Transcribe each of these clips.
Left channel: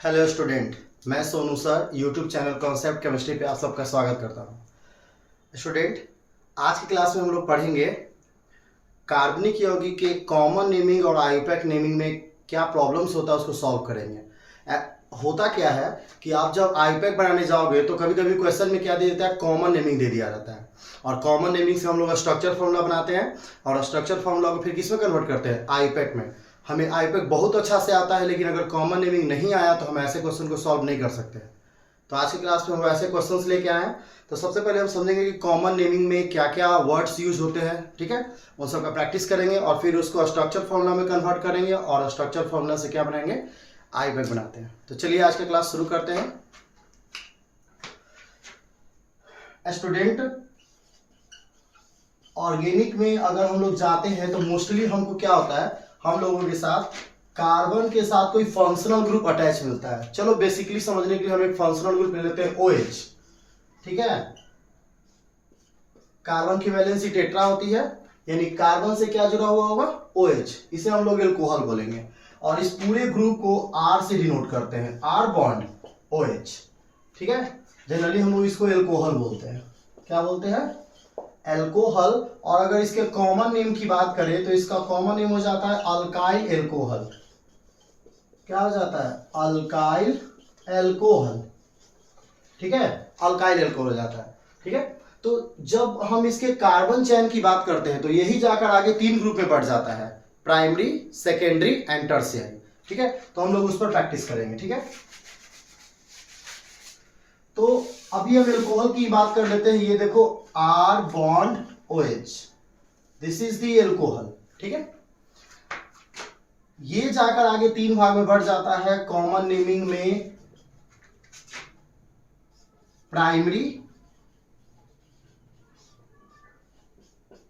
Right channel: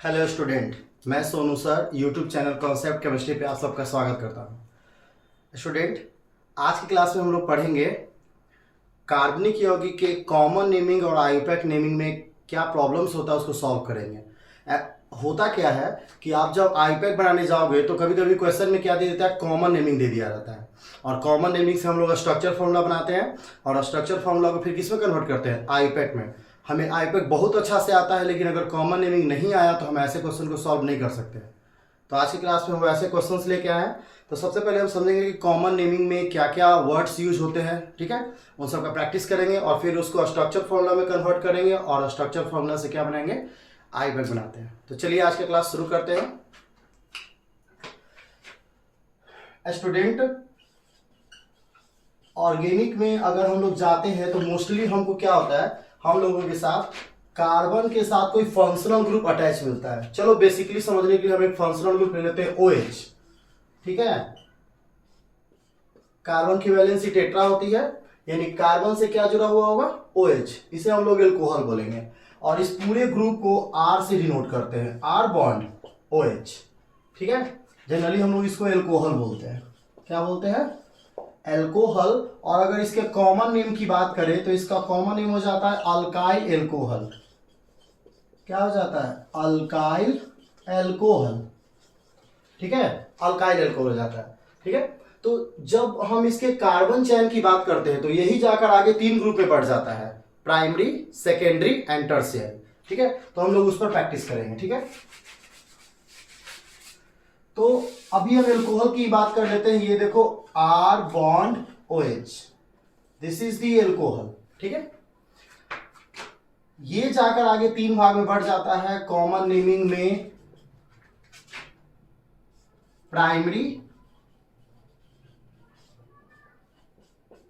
Hello student, मैं Sonu sir YouTube channel concept chemistry पे आप सबका स्वागत करता हूँ। स्टूडेंट, आज की क्लास में हम लोग पढ़ेंगे कार्बनिक यौगिक के कॉमन नेमिंग और आयुपैक नेमिंग में क्या प्रॉब्लम्स होता है उसको सॉल्व करेंगे। होता क्या है कि आप जब आयुपैक बनाने जाओगे तो कभी कभी क्वेश्चन में क्या दे देता है, कॉमन नेमिंग दे दिया जाता है। और कॉमन नेमिंग से हम लोग स्ट्रक्चर फॉर्मूला बनाते हैं और स्ट्रक्चर फॉर्मूला को फिर किस में कन्वर्ट करते हैं, आयुपैक में। हमें आयुपैक बहुत अच्छा से आता है, लेकिन अगर कॉमन नेमिंग नहीं आया तो हम ऐसे क्वेश्चन को सॉल्व नहीं कर सकते। तो आज की क्लास में हम ऐसे क्वेश्चंस लेके आए हैं। तो सबसे पहले हम समझेंगे कि कॉमन नेमिंग में क्या क्या वर्ड्स यूज होते हैं, ठीक है। उन सब का प्रैक्टिस करेंगे और फिर उसको स्ट्रक्चर फॉर्मूला में कन्वर्ट करेंगे और स्ट्रक्चर फॉर्मूला से क्या बनाएंगे, आयुपैक बनाते हैं। तो चलिए आज का क्लास शुरू करते हैं। स्टूडेंट, ऑर्गेनिक में अगर हम लोग जाते हैं तो मोस्टली हमको क्या होता है, हम लोगों के साथ कार्बन के साथ कोई फंक्शनल ग्रुप अटैच मिलता है। चलो बेसिकली समझने के लिए हम एक फंक्शनल ग्रुप ले लेते हैं OH, ठीक है। कार्बन की वैलेंसी टेट्रा होती है, यानी कार्बन से क्या जुड़ा हुआ होगा, OH। इसे हम लोग एल्कोहल बोलेंगे और इस पूरे ग्रुप को R से डिनोट करते हैं, R बॉन्ड OH, ठीक है। जनरली हम लोग इसको एल्कोहल बोलते हैं। क्या बोलते हैं, एल्कोहल। और अगर इसके कॉमन नेम की बात करें तो इसका कॉमन नेम हो जाता है अल्काइल एल्कोहल। क्या हो जाता है, अल्काइल एल्कोहल, ठीक है। अल्काइल एल्कोहल हो जाता है, ठीक है। तो जब हम इसके कार्बन चेन की बात करते हैं तो यही जाकर आगे 3 ग्रुप में बढ़ जाता है, प्राइमरी, सेकेंडरी एंड टर्शियरी, ठीक है। तो हम लोग उस पर प्रैक्टिस करेंगे, ठीक है। तो अभी हम एल्कोहल की बात कर लेते हैं। ये देखो, R bond OH, this is the alcohol, ठीक है। ये जाकर आगे 3 भाग में बढ़ जाता है। कॉमन नेमिंग में प्राइमरी,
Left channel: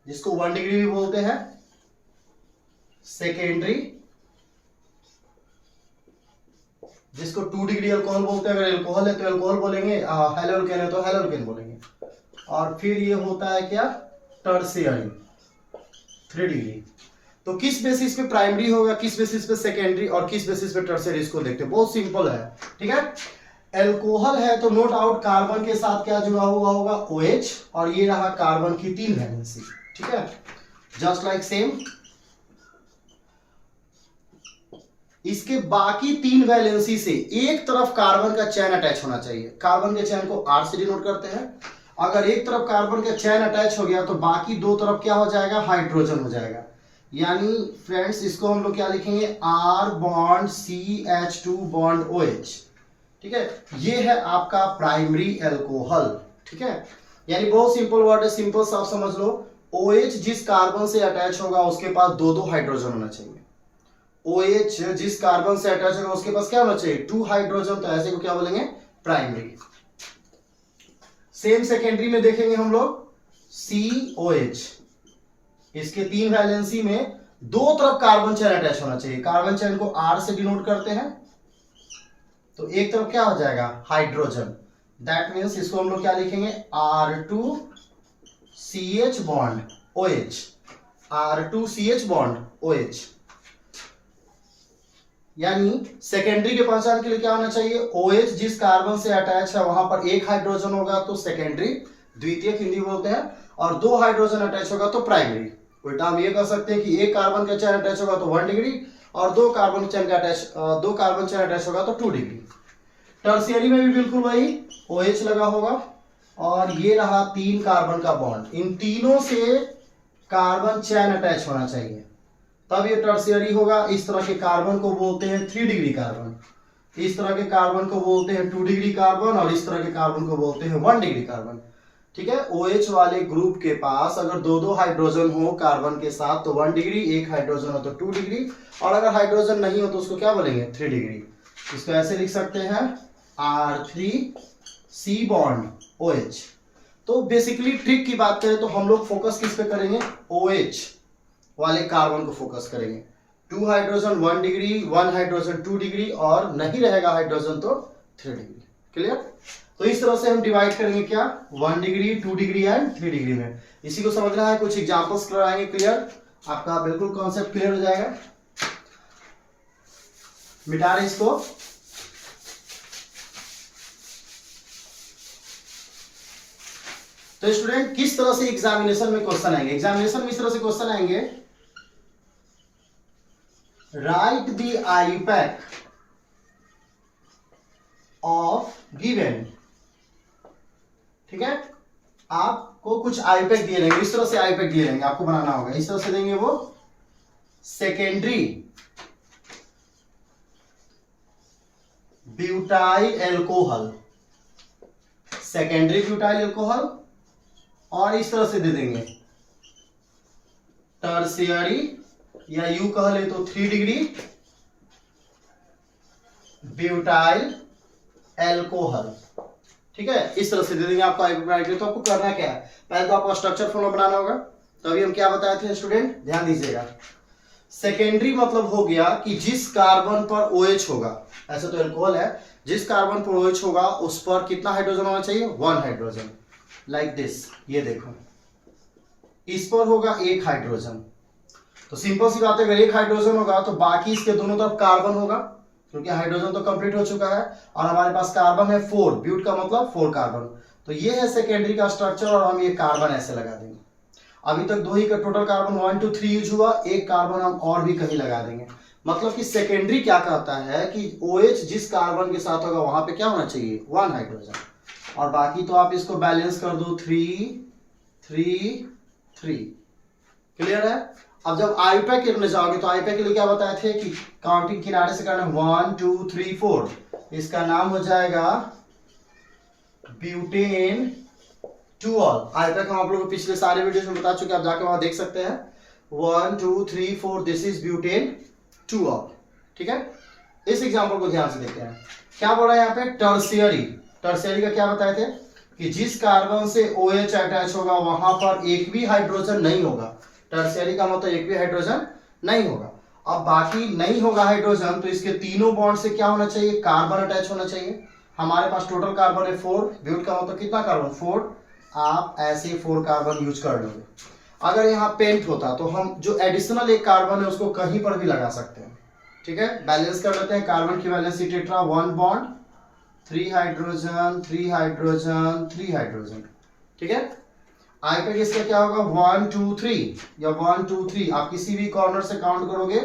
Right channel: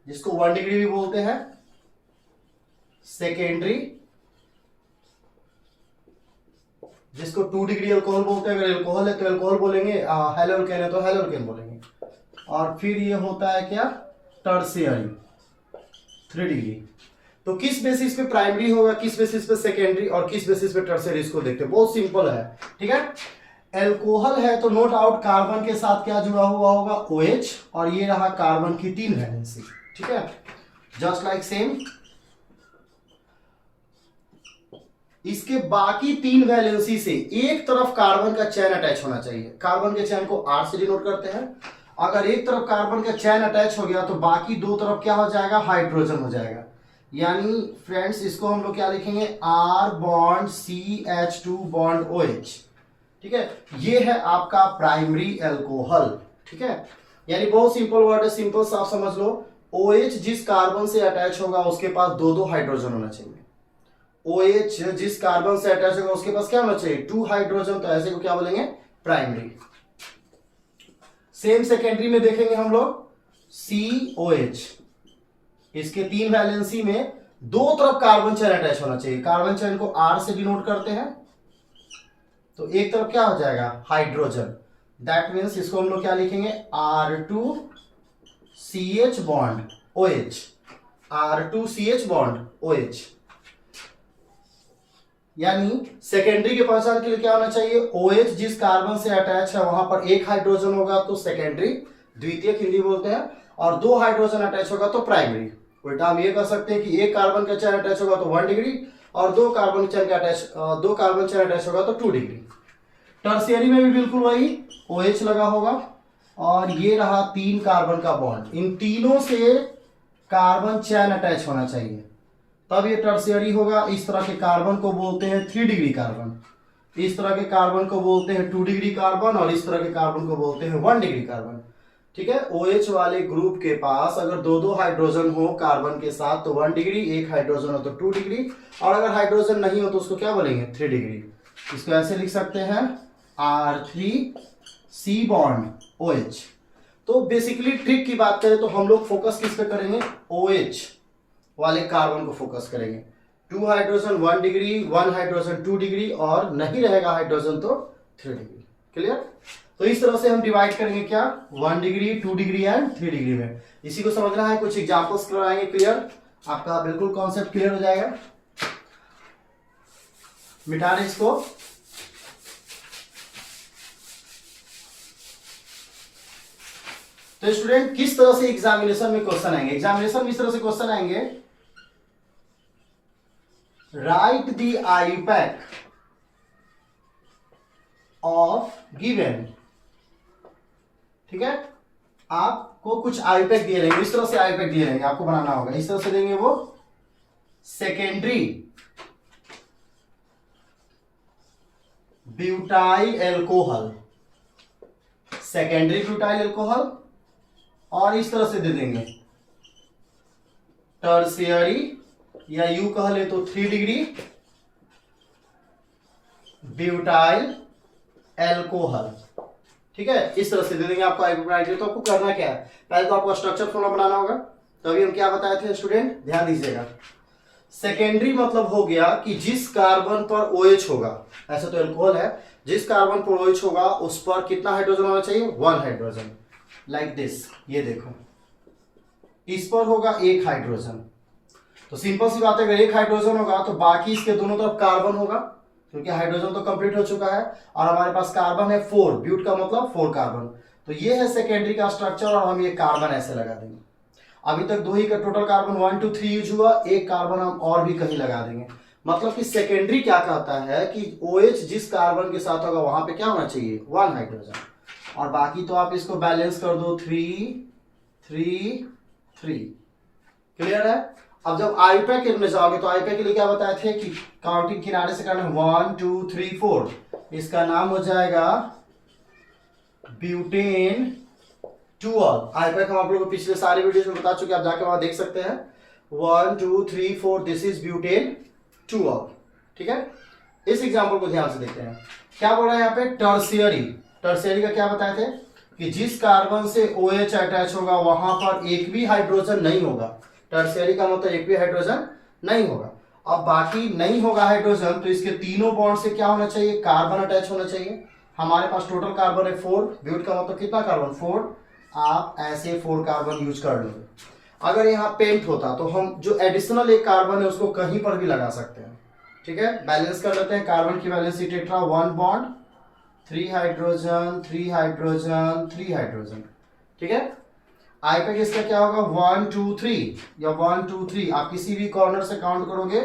जिसको 1 डिग्री भी बोलते हैं, सेकेंडरी, जिसको 2 डिग्री अल्कोहल बोलते हैं। अगर एल्कोहल है तो एल्कोहल बोलेंगे, हेलोल्केन है तो हेलोल्केन बोलेंगे। और फिर ये होता है क्या, टर्शियरी, 3 डिग्री। तो किस बेसिस पे प्राइमरी होगा, किस बेसिस पे सेकेंडरी और किस बेसिस पे टर्शियरी, इसको देखते हैं। बहुत सिंपल है, ठीक है। एल्कोहल है तो नो डाउट कार्बन के साथ क्या जुड़ा हुआ होगा, OH। और ये रहा कार्बन की 3 वैलेंसी, ठीक है, जस्ट लाइक सेम। इसके बाकी 3 वैलेंसी से एक तरफ कार्बन का चैन अटैच होना चाहिए। कार्बन के चैन को R से डिनोट करते हैं। अगर एक तरफ कार्बन का चैन अटैच हो गया तो बाकी 2 तरफ क्या हो जाएगा, हाइड्रोजन हो जाएगा। यानी फ्रेंड्स, इसको हम लोग क्या लिखेंगे, R bond CH2 bond OH, ठीक है। ये है आपका प्राइमरी एल्कोहल, ठीक है। यानी बहुत सिंपल वर्ड है, सिंपल सा आप समझ लो। OH जिस कार्बन से अटैच होगा उसके पास 2-2 हाइड्रोजन होना चाहिए। OH जिस कार्बन से अटैच होगा उसके पास क्या होना चाहिए, 2 हाइड्रोजन। तो ऐसे को क्या बोलेंगे, प्राइमरी। सेम सेकेंडरी में देखेंगे हम लोग, COH। इसके 3 वैलेंसी में 2 तरफ कार्बन चेन अटैच होना चाहिए। कार्बन चेन को R से डिनोट करते हैं, तो एक तरफ क्या हो जाएगा, हाइड्रोजन। दैट मीन्स इसको हम लोग क्या लिखेंगे, R2CH bond OH, R2CH bond OH। यानी सेकेंडरी के पहचान के लिए क्या होना चाहिए, OH जिस कार्बन से अटैच है वहां पर 1 हाइड्रोजन होगा तो सेकेंडरी, द्वितीयक हिंदी बोलते हैं। और 2 हाइड्रोजन अटैच होगा तो प्राइमरी। उल्टा हम ये कह सकते हैं कि एक कार्बन का चेन अटैच होगा तो 1 डिग्री और 2 कार्बन चेन अटैच होगा तो 2 डिग्री। टर्शियरी में भी बिल्कुल वही, OH लगा होगा और ये रहा 3 कार्बन का बॉन्ड। इन तीनों से कार्बन चेन अटैच होना चाहिए, तब ये टर्शियरी होगा। इस तरह के कार्बन को बोलते हैं 3 डिग्री कार्बन, इस तरह के कार्बन को बोलते हैं 2 डिग्री कार्बन और इस तरह के कार्बन को बोलते हैं 1 डिग्री कार्बन, ठीक है। OH वाले ग्रुप के पास अगर 2-2 हाइड्रोजन हो कार्बन के साथ तो 1 डिग्री, 1 हाइड्रोजन हो तो 2 डिग्री, और अगर हाइड्रोजन नहीं हो तो उसको क्या बोलेंगे, 3 डिग्री। इसको ऐसे लिख सकते हैं, R3C बॉन्ड OH। तो बेसिकली ट्रिक की बात करें तो हम लोग फोकस किस पे करेंगे, OH वाले कार्बन को फोकस करेंगे। 2 हाइड्रोजन 1 डिग्री, 1 हाइड्रोजन 2 डिग्री और नहीं रहेगा हाइड्रोजन तो 3 डिग्री। क्लियर। तो इस तरह से हम डिवाइड करेंगे क्या, 1 डिग्री, 2 डिग्री एंड 3 डिग्री में। इसी को समझना है, कुछ एग्जांपल्स कराएंगे, क्लियर, आपका बिल्कुल कॉन्सेप्ट क्लियर हो जाएगा। मिटा रहे इसको। तो स्टूडेंट किस तरह से एग्जामिनेशन में क्वेश्चन आएंगे, एग्जामिनेशन में इस तरह से क्वेश्चन आएंगे, right the IUPAC of given. ठीक है, आपको कुछ आईयूपैक दिए रहेंगे, इस तरह से आईयूपैक दिए रहेंगे, आपको बनाना होगा, इस तरह से देंगे वो secondary butyl alcohol, secondary butyl alcohol, और इस तरह से दे देंगे टर्शियरी, या यू कह ले तो 3 डिग्री ब्यूटाइल एल्कोहल। ठीक है, इस तरह से दे देंगे आपको आईयूपैक। तो आपको करना क्या है, पहले तो आपको स्ट्रक्चर फॉर्मूला बनाना होगा। तो अभी हम क्या बताए थे स्टूडेंट, ध्यान दीजिएगा। सेकेंडरी मतलब हो गया कि जिस कार्बन पर OH होगा, ऐसा तो एल्कोहल है, जिस कार्बन पर OH होगा उस पर कितना हाइड्रोजन होना चाहिए, 1 हाइड्रोजन, लाइक दिस। ये देखो, इस पर होगा 1 हाइड्रोजन। तो सिंपल सी बात है, अगर 1 हाइड्रोजन होगा तो बाकी इसके दोनों तरफ कार्बन होगा, क्योंकि हाइड्रोजन तो कंप्लीट हो चुका है, और हमारे पास कार्बन है 4, ब्यूट का मतलब 4 कार्बन। तो ये है सेकेंडरी का स्ट्रक्चर, और हम ये कार्बन ऐसे लगा देंगे। अभी तक 2 ही का टोटल कार्बन 1 2 3 यूज हुआ, 1 कार्बन हम और भी कहीं लगा देंगे। मतलब कि सेकेंडरी क्या कहता है कि OH जिस कार्बन के साथ होगा वहां पे क्या होना चाहिए, 1 हाइड्रोजन, और बाकी तो आप इसको बैलेंस कर दो 3 3 3। क्लियर है। अब जब आईयूपैक करने जाओगे तो आईयूपैक के लिए क्या बताए थे कि काउंटिंग किनारे से करना 1 2 3 4, इसका नाम हो जाएगा ब्यूटेन टूऑल। आईयूपैक हम आप लोगों को पिछले सारे वीडियोस में बता चुके, आप जाके वहां देख सकते हैं। 1 2 3 4, दिस इज ब्यूटेन टूऑल। ठीक है, इस एग्जांपल को ध्यान से देखते हैं। क्या बोल रहा है यहाँ पे, टर्शियरी। टर्शियरी का क्या बताए थे कि जिस कार्बन से OH अटैच होगा वहां पर एक भी हाइड्रोजन नहीं होगा। टर्शियरी का मतलब एक भी हाइड्रोजन नहीं होगा। अब बाकी नहीं होगा हाइड्रोजन, तो इसके तीनों बॉन्ड से क्या होना चाहिए, कार्बन अटैच होना चाहिए। हमारे पास टोटल कार्बन है 4, ब्यूट का मतलब कितना कार्बन, 4। आप ऐसे 4 कार्बन यूज कर लोगे। अगर यहाँ पेंट होता तो हम जो एडिशनल एक कार्बन है उसको कहीं पर भी लगा सकते हैं। ठीक है, बैलेंस कर लेते हैं। कार्बन की valency tetra, 1 bond, 3 hydrogen 3 hydrogen 3 hydrogen. ठीक है, आईयूपैक इसका क्या होगा, 1 2 3 या 1 2 3। आप किसी भी कॉर्नर से काउंट करोगे,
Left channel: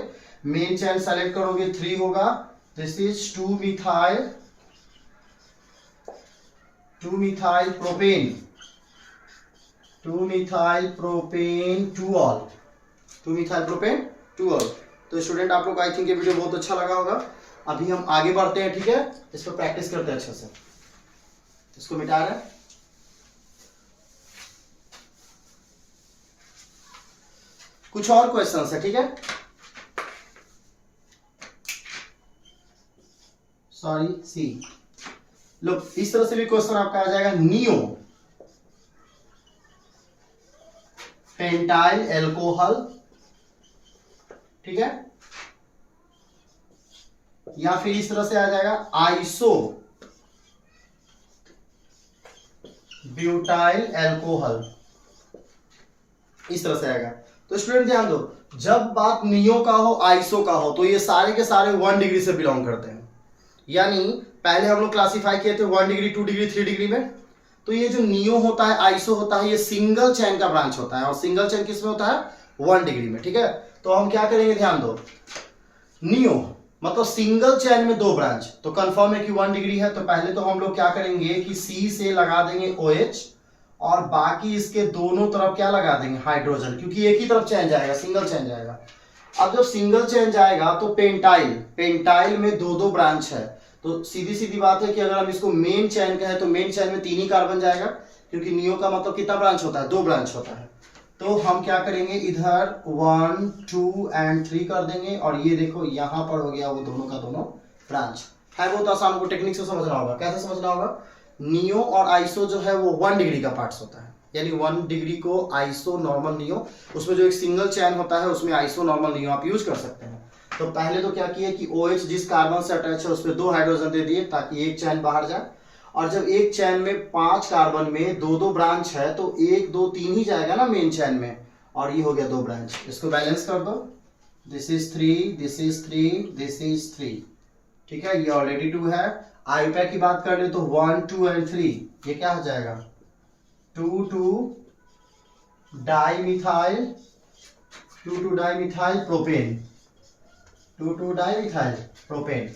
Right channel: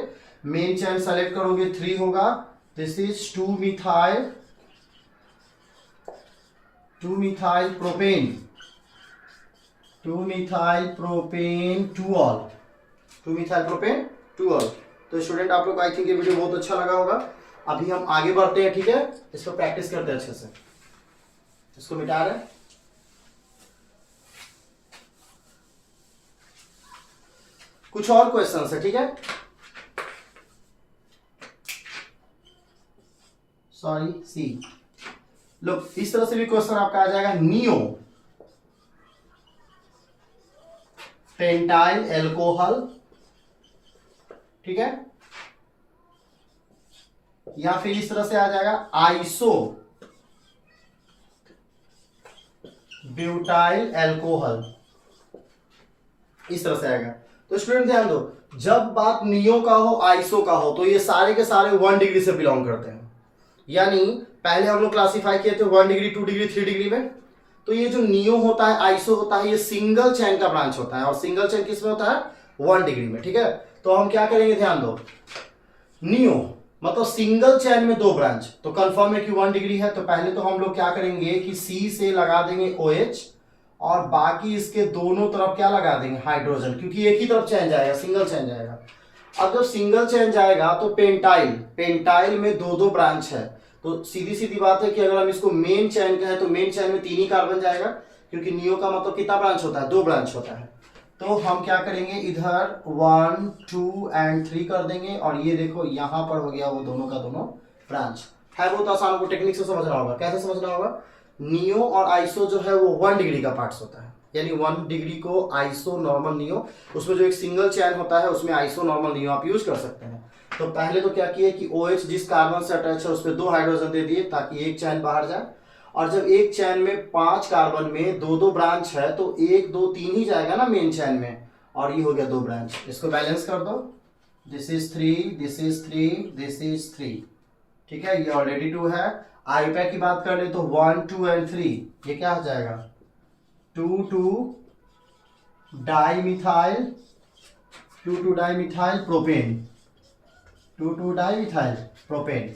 मेन चेन सेलेक्ट करोगे, 3 होगा। This is 2 methyl propane, 2 methyl propane two ol, 2 methyl propane two ol. तो स्टूडेंट आप लोग को आई थिंक ये वीडियो बहुत अच्छा लगा होगा। अभी हम आगे बढ़ते हैं। ठीक है, इस पर प्रैक्टिस करते हैं अच्छे से। इसको मिटा रहे हैं। कुछ और क्वेश्चन है। ठीक है, सॉरी सी, लो इस तरह से भी क्वेश्चन आपका आ जाएगा। नियो पेंटाइल एल्कोहल, ठीक है, या फिर इस तरह से आ जाएगा आइसो ब्यूटाइल एल्कोहल, इस तरह से आएगा। तो स्टूडेंट ध्यान दो, जब बात नियो का हो, आइसो का हो, तो ये सारे के सारे 1 डिग्री से बिलोंग करते हैं। यानी पहले हम लोग क्लासिफाई किए थे 1 डिग्री 2 डिग्री 3 डिग्री में। तो ये जो नियो होता है, आइसो होता है, ये सिंगल चेन का ब्रांच होता है, और सिंगल चेन किस में होता है, 1 डिग्री में। ठीक है, तो हम क्या करेंगे, ध्यान दो, नियो मतलब सिंगल चेन में 2 ब्रांच, तो कंफर्म है कि 1 डिग्री है। तो पहले तो हम लोग क्या करेंगे कि C से लगा देंगे OH, और बाकी इसके दोनों तरफ क्या लगा देंगे, हाइड्रोजन, क्योंकि एक ही तरफ चेन जाएगा, सिंगल चेन जाएगा। अब जब सिंगल चेन जाएगा तो पेंटाइल में 2 ब्रांच है। तो सीधी सीधी बात है कि अगर हम इसको मेन चेन कहें तो मेन चेन में 3 ही कार्बन जाएगा, क्योंकि नियो का मतलब कितना ब्रांच होता है, 2 ब्रांच होता है। तो हम क्या करेंगे, इधर 1 2 एंड 3 कर देंगे, और ये देखो यहां पर हो गया वो दोनों का दोनों ब्रांच। है बहुत आसान, को टेक्निक से समझना होगा। कैसे समझना होगा, नियो और आइसो जो है वो 1 डिग्री का पार्ट्स होता है, यानी 1 डिग्री को आइसो नॉर्मल नियो, उसमें जो एक सिंगल चेन होता है उसमें आइसो नॉर्मल नियो आप यूज कर सकते हैं। तो पहले तो क्या किए कि OH जिस कार्बन से अटैच है उस पर 2 हाइड्रोजन दे दिए ताकि एक चैन बाहर जाए, और जब एक चैन में 5 कार्बन में 2 ब्रांच है तो 1 2 3 ही जाएगा ना मेन चैन में, और ये हो गया 2 ब्रांच। इसको बैलेंस कर दो, this is 3 this is 3 this is 3। ठीक है, ये ऑलरेडी 2 है। आईयूपैक की बात कर ले तो 1 2 एंड 3, ये क्या हो जाएगा, 2,2 dimethyl 2,2 dimethyl propane 2,2 dimethyl propane.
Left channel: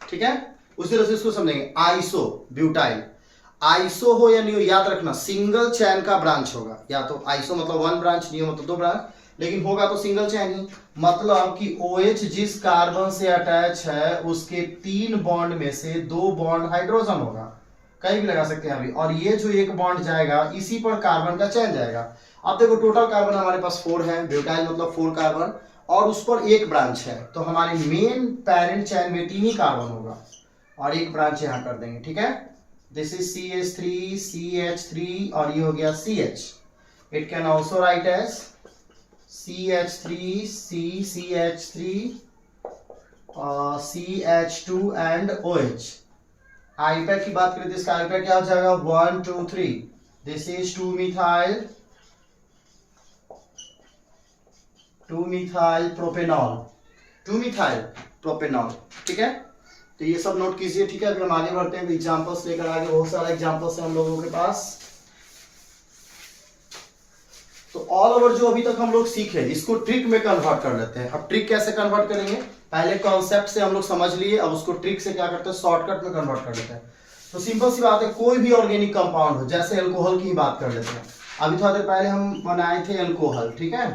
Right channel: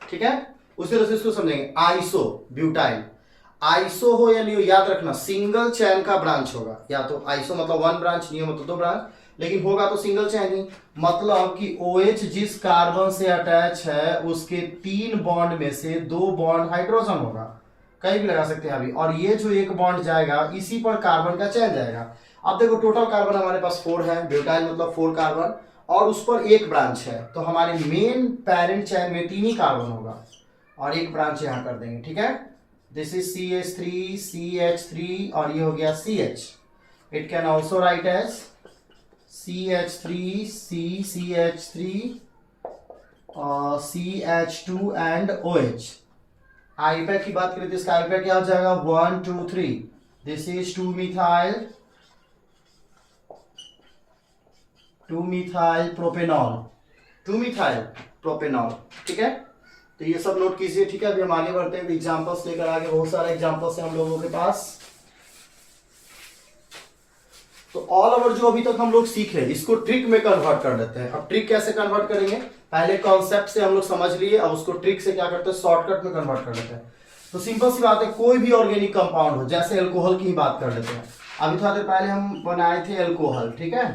ठीक है, उसी तरह से इसको समझेंगे। आइसो ब्यूटाइल, आइसो हो या नियो याद रखना सिंगल चैन का ब्रांच होगा, या तो आइसो मतलब वन ब्रांच, नियो मतलब दो ब्रांच, लेकिन होगा तो सिंगल चैन ही। मतलब कि OH जिस कार्बन से अटैच है उसके 3 बॉन्ड में से 2 बॉन्ड हाइड्रोजन होगा, कहीं भी लगा सकते हैं अभी, और ये जो एक बॉन्ड जाएगा इसी पर कार्बन का चैन जाएगा। अब देखो टोटल कार्बन हमारे पास 4 है, ब्यूटाइल मतलब 4 कार्बन, और उस पर एक ब्रांच है, तो हमारे मेन पेरेंट चैन में 3 ही कार्बन होगा, और एक ब्रांच यहां कर देंगे। ठीक है, दिस इज CH3 CH3 और ये हो गया CH। It can also write as CH3 CH3 CH2 and OH। IUPAC की बात करें तो इसका आईपैक क्या हो जाएगा 1 2 3। This is 2 methyl propanol 2 methyl propanol. ठीक है, तो ये सब नोट कीजिए। ठीक है, अभी हम आगे बढ़ते हैं, एग्जांपल्स लेकर आगे, बहुत सारे एग्जांपल्स हैं हम लोगों के पास। तो ऑल ओवर जो अभी तक हम लोग सीख रहे हैं इसको ट्रिक में कन्वर्ट कर लेते हैं। अब ट्रिक कैसे कन्वर्ट करेंगे, पहले कॉन्सेप्ट से हम लोग समझ लिए, अब उसको ट्रिक से क्या करते हैं शॉर्टकट में कन्वर्ट कर लेते हैं। तो सिंपल सी बात है, कोई भी ऑर्गेनिक कंपाउंड हो, जैसे अल्कोहल की ही बात कर लेते हैं। अभी थोड़ा देर पहले हम बनाए थे अल्कोहल। ठीक है,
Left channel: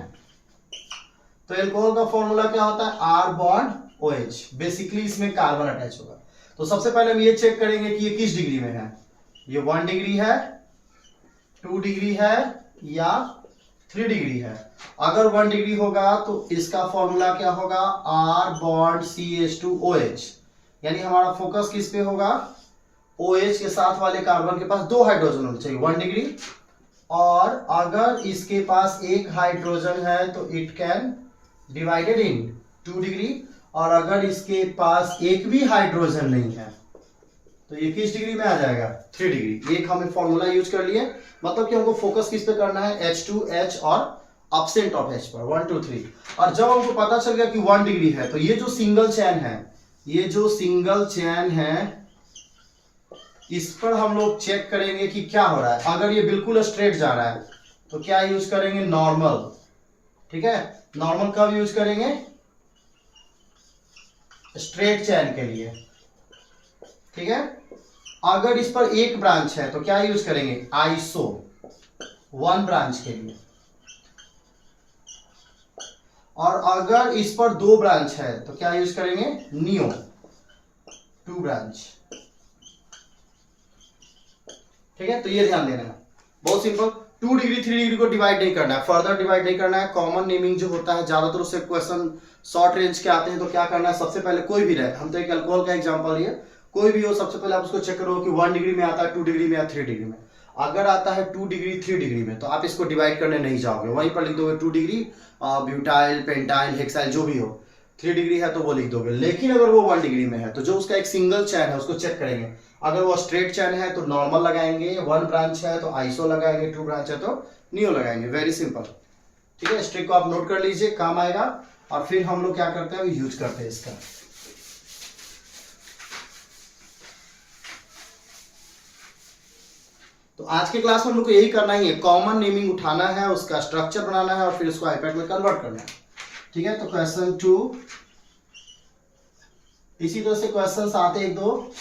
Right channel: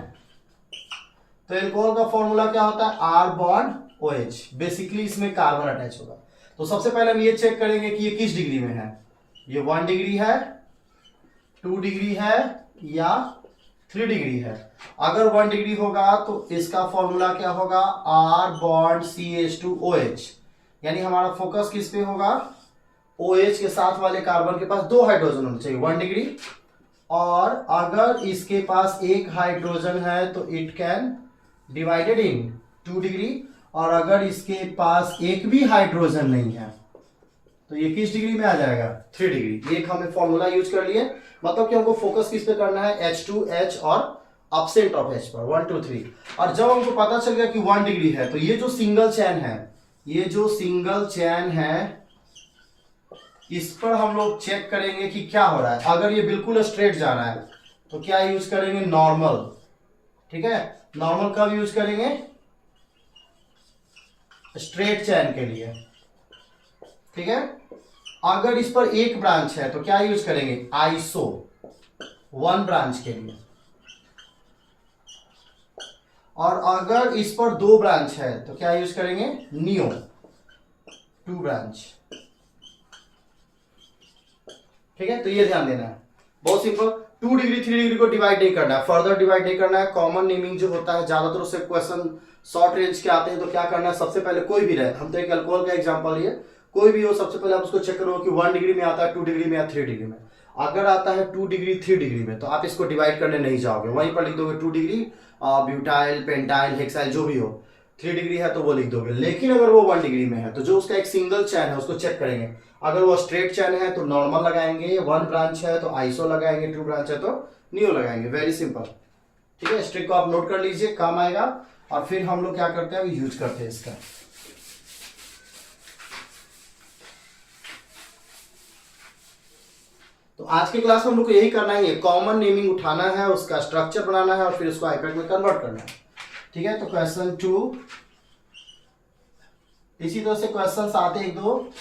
तो अल्कोहल का फॉर्मूला क्या होता है R बॉन्ड OH, बेसिकली इसमें कार्बन अटैच होगा। तो सबसे पहले हम ये चेक करेंगे कि ये किस डिग्री में है, ये 1 डिग्री है, 2 डिग्री है या 3 डिग्री है। अगर 1 डिग्री होगा तो इसका फॉर्मूला क्या होगा R बॉन्ड CH2OH, यानी हमारा फोकस किस पे होगा, OH के साथ वाले कार्बन के पास 2 हाइड्रोजन होने चाहिए 1 डिग्री, और अगर इसके पास एक हाइड्रोजन है तो it can divided in 2 degree, और अगर इसके पास एक भी हाइड्रोजन नहीं है तो ये किस डिग्री में आ जाएगा 3 डिग्री। एक हमें फॉर्मूला यूज कर लिए, मतलब कि हमको फोकस किस पे करना है H2H और अपसेंट ऑफ H पर 1 2 3। और जब हमको पता चल गया कि 1 डिग्री है तो ये जो सिंगल चैन है, ये जो सिंगल चैन है इस पर हम लोग चेक करेंगे कि क्या हो रहा है। अगर ये बिल्कुल स्ट्रेट जा रहा है तो क्या यूज करेंगे नॉर्मल। ठीक है, नॉर्मल कब यूज करेंगे, स्ट्रेट चैन के लिए। ठीक है, अगर इस पर एक ब्रांच है तो क्या यूज करेंगे आइसो 1 ब्रांच के लिए, और अगर इस पर 2 ब्रांच है तो क्या यूज करेंगे नियो 2 ब्रांच। ठीक है, तो ये ध्यान देना है, बहुत सिंपल। 2 डिग्री 3 डिग्री को डिवाइड नहीं करना है, फर्दर डिवाइड नहीं करना है। कॉमन नेमिंग जो होता है ज्यादातर उससे क्वेश्चन शॉर्ट रेंज के आते हैं, तो क्या करना है सबसे पहले कोई भी रहे, हम तो एक अल्कोहल का एग्जांपल लिए, कोई भी हो सबसे पहले आप उसको चेक करो कि 1 डिग्री में आता है 2 डिग्री में या 3 डिग्री में। अगर आता है 2 डिग्री 3 डिग्री में तो आप इसको डिवाइड करने नहीं जाओगे, वहीं पर लिख दोगे 2 डिग्री ब्यूटाइल पेंटाइल हेक्साइल जो भी हो। 3 डिग्री है तो वो लिख दोगे। लेकिन अगर वो 1 डिग्री में है तो जो उसका एक सिंगल चैन है उसको चेक करेंगे। अगर वो स्ट्रेट चैन है तो नॉर्मल लगाएंगे, 1 ब्रांच है तो आइसो लगाएंगे, 2 ब्रांच है तो नियो लगाएंगे। Very simple. ठीक है, इस ट्रिक को आप नोट कर लीजिए, काम आएगा। और फिर हम लोग क्या करते हैं यूज करते हैं इसका। तो आज की क्लास में हम लोग को यही करना ही है, कॉमन नेमिंग उठाना है, उसका स्ट्रक्चर बनाना है और फिर उसको आईपैड में कन्वर्ट करना है। ठीक है, तो क्वेश्चन 2 इसी तरह से क्वेश्चंस आते एक दो,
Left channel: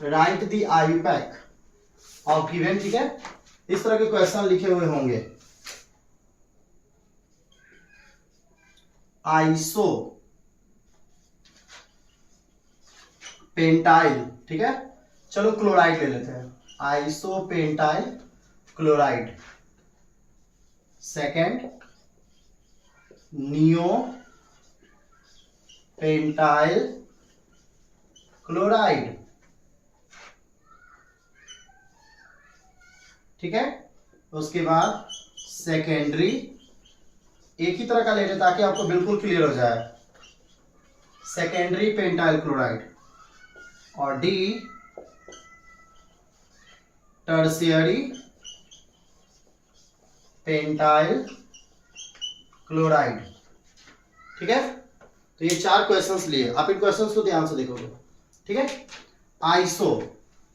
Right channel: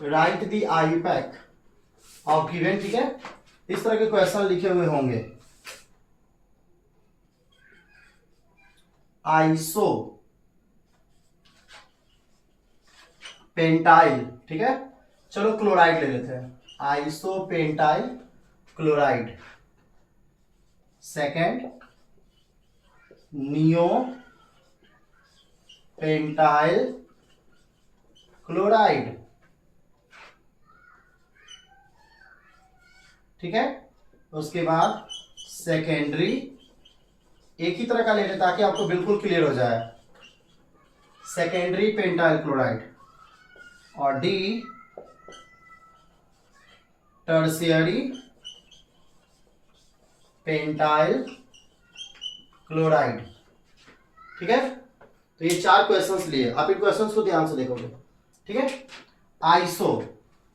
right the IUPAC of given. ठीक है, इस तरह के क्वेश्चन लिखे हुए होंगे। आइसो पेंटाइल, ठीक है, चलो क्लोराइड ले लेते हैं, iso pentyl chloride. Second neo pentyl chloride. ठीक है, उसके बाद सेकेंडरी, एक ही तरह का लेते ताकि आपको बिल्कुल क्लियर हो जाए, सेकेंडरी पेंटाइल क्लोराइड। और डी टर्शियरी पेंटाइल क्लोराइड। ठीक है, तो ये 4 क्वेश्चंस लिए, आप इन क्वेश्चंस को ध्यान से देखोगे। ठीक है, आइसो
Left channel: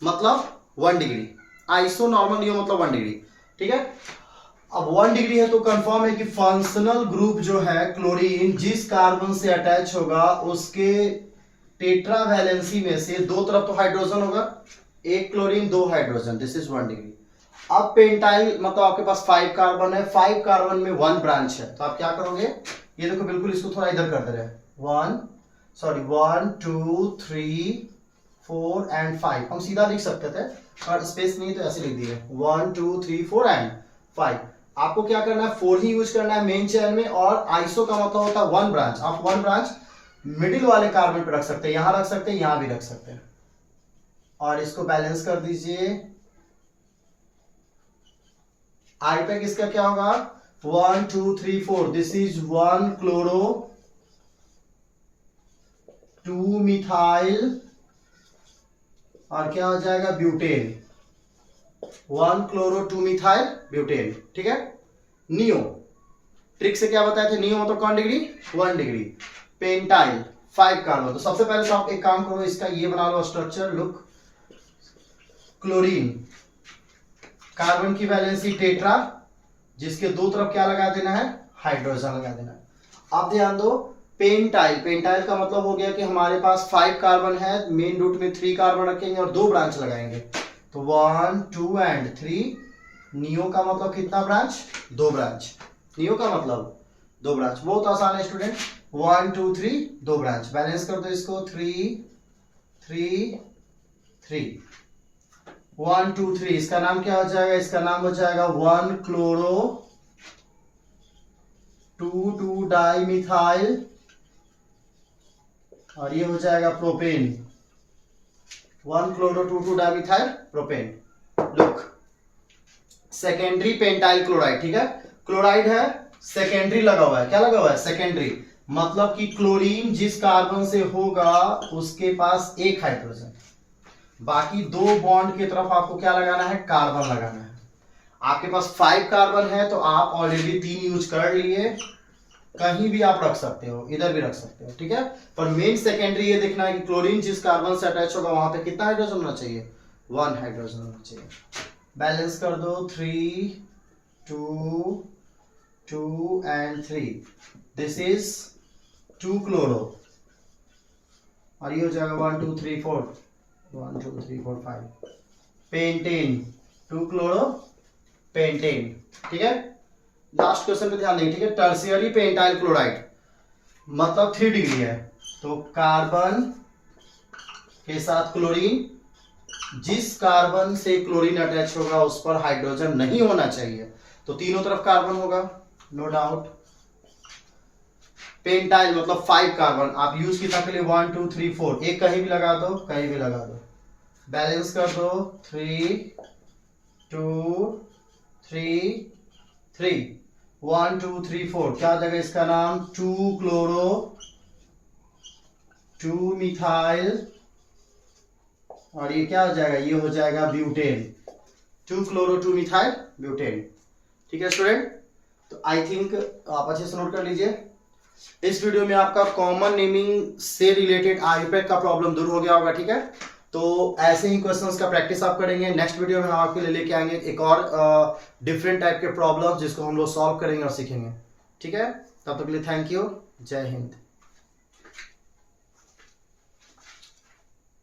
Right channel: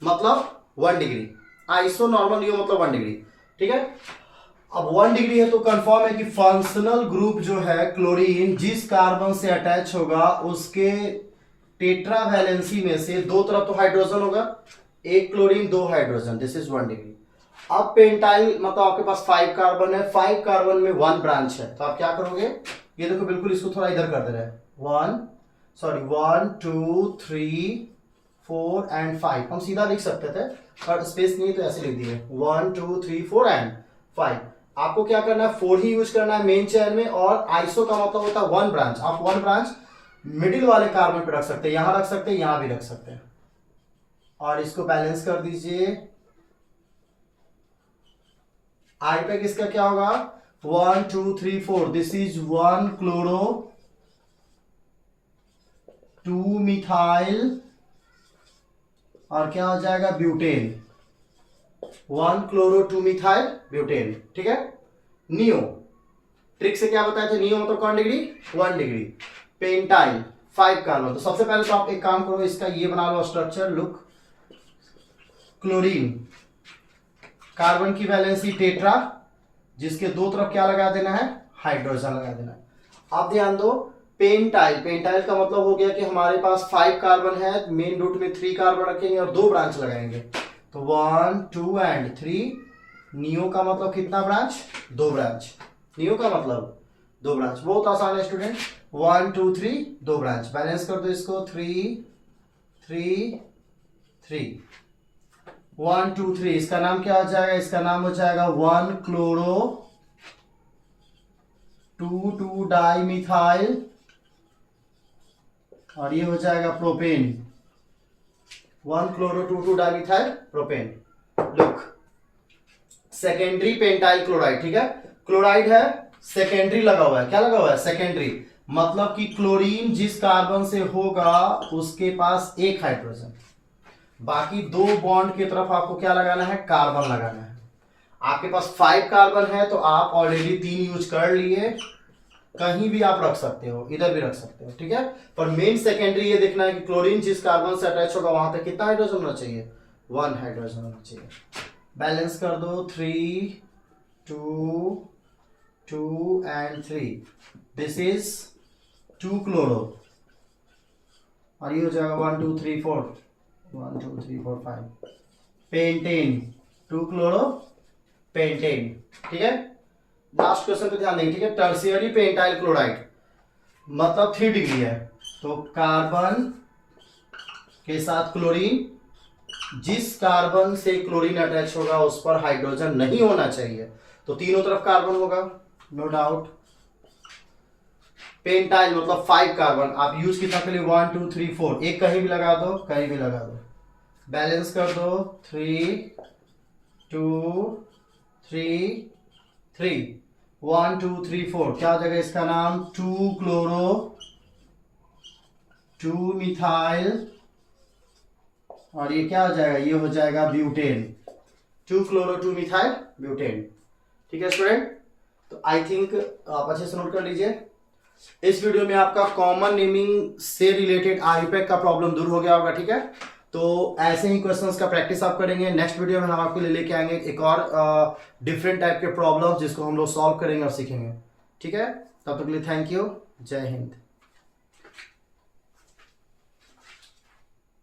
मतलब 1 डिग्री, आइसो नॉर्मल नियो मतलब 1 डिग्री, ठीक है। अब 1 डिग्री है तो कंफर्म है कि फंक्शनल ग्रुप जो है क्लोरीन जिस कार्बन से अटैच होगा उसके टेट्रा वैलेंसी में से दो तरफ तो हाइड्रोजन होगा, एक क्लोरीन दो हाइड्रोजन, दिस इज 1 डिग्री। अब पेंटाइल मतलब आपके पास 5 कार्बन है, 5 कार्बन में 1 ब्रांच है, तो आप क्या करोगे, ये देखो बिल्कुल इसको थोड़ा इधर कर दे रहे हैं, 1 2 3 4 एंड 5, हम सीधा लिख सकते थे और स्पेस नहीं तो ऐसे लिख दिए 1 2 3 4 एंड 5। आपको क्या करना है, 4 ही यूज करना है मेन चेन में, और आइसो का मतलब होता है 1 ब्रांच। आप 1 ब्रांच मिडिल वाले कार्बन पे रख सकते हैं, यहां रख सकते हैं, यहां भी रख सकते हैं, और इसको बैलेंस कर दीजिए। आई पे किसका क्या होगा, 1 2 3 4, दिस इज 1 क्लोरो 2 मिथाइल और क्या हो जाएगा ब्यूटेन, 1 क्लोरो 2 मिथाइल ब्यूटेन, ठीक है। नियो ट्रिक से क्या बताए थे, नियो मतलब कौन डिग्री, 1 डिग्री। पेंटाइल 5 कार्बन, तो सबसे पहले तो आप एक काम करो, इसका ये बना लो स्ट्रक्चर, लुक, क्लोरीन कार्बन की वैलेंसी टेट्रा, जिसके दो तरफ क्या लगा देना है, हाइड्रोजन लगा देना है। अब ध्यान दो, पेंटाइल, पेंटाइल का मतलब हो गया कि हमारे पास 5 कार्बन है, मेन रूट में 3 कार्बन रखेंगे और 2 ब्रांच लगाएंगे, तो 1 2 एंड 3। नियो का मतलब कितना ब्रांच, 2 ब्रांच, नियो का मतलब 2 ब्रांच, बहुत आसान है स्टूडेंट, 1 2 3 2 ब्रांच, बैलेंस कर दो इसको, 3 3 3 1 2 3, इसका नाम क्या हो जाएगा, इसका नाम हो जाएगा 1 क्लोरो 2 2 डाई मिथाइल, और ये हो जाएगा propane, 1 chloro 2 2 di methyl propane. Look, secondary pentyl chloride, ठीक है, क्लोराइड है, सेकेंडरी लगा हुआ है, क्या लगा हुआ है, सेकेंडरी, मतलब कि क्लोरीन जिस कार्बन से होगा उसके पास एक हाइड्रोजन, बाकी 2 बॉन्ड की तरफ आपको क्या लगाना है, कार्बन लगाना है। आपके पास 5 कार्बन है तो आप ऑलरेडी 3 यूज कर लिए, कहीं भी आप रख सकते हो, इधर भी रख सकते हो, ठीक है। पर मेन सेकेंडरी ये देखना है कि क्लोरीन जिस कार्बन से अटैच होगा वहां पे कितना हाइड्रोजन होना चाहिए, 1 हाइड्रोजन होना चाहिए। बैलेंस कर दो, 3 2 2 एंड 3, दिस इज 2 क्लोरो, और ये हो जाएगा 1 2 3 4 1 2 3 4 5 पेंटेन, 2 क्लोरो पेंटेन, ठीक है। लास्ट क्वेश्चन पे ध्यान देंगे, ठीक है। टर्शियरी पेंटाइल क्लोराइड मतलब 3 डिग्री है, तो कार्बन के साथ क्लोरीन, जिस कार्बन से क्लोरीन अटैच होगा उस पर हाइड्रोजन नहीं होना चाहिए, तो तीनों तरफ कार्बन होगा, नो डाउट। पेंटाइल मतलब 5 कार्बन, आप यूज कितना के लिए, 1 2 3 4, एक कहीं भी लगा दो, कहीं भी लगा दो, बैलेंस कर दो, 3 2 3 3 1 2 3 4, क्या हो जाएगा इसका नाम, 2 क्लोरो 2 मिथाइल, और ये क्या हो जाएगा, ये हो जाएगा ब्यूटेन, 2 क्लोरो 2 मिथाइल ब्यूटेन, ठीक है स्टूडेंट। तो आई थिंक आप अच्छे से नोट कर लीजिए, इस वीडियो में आपका कॉमन नेमिंग से रिलेटेड आईयूपैक का प्रॉब्लम दूर हो गया होगा, ठीक है। तो ऐसे ही क्वेश्चंस का प्रैक्टिस आप करेंगे, नेक्स्ट वीडियो में हम आपके लिए लेके आएंगे एक और डिफरेंट टाइप के प्रॉब्लम्स जिसको हम लोग सॉल्व करेंगे और सीखेंगे, ठीक है। तब तक के लिए थैंक यू, जय हिंद।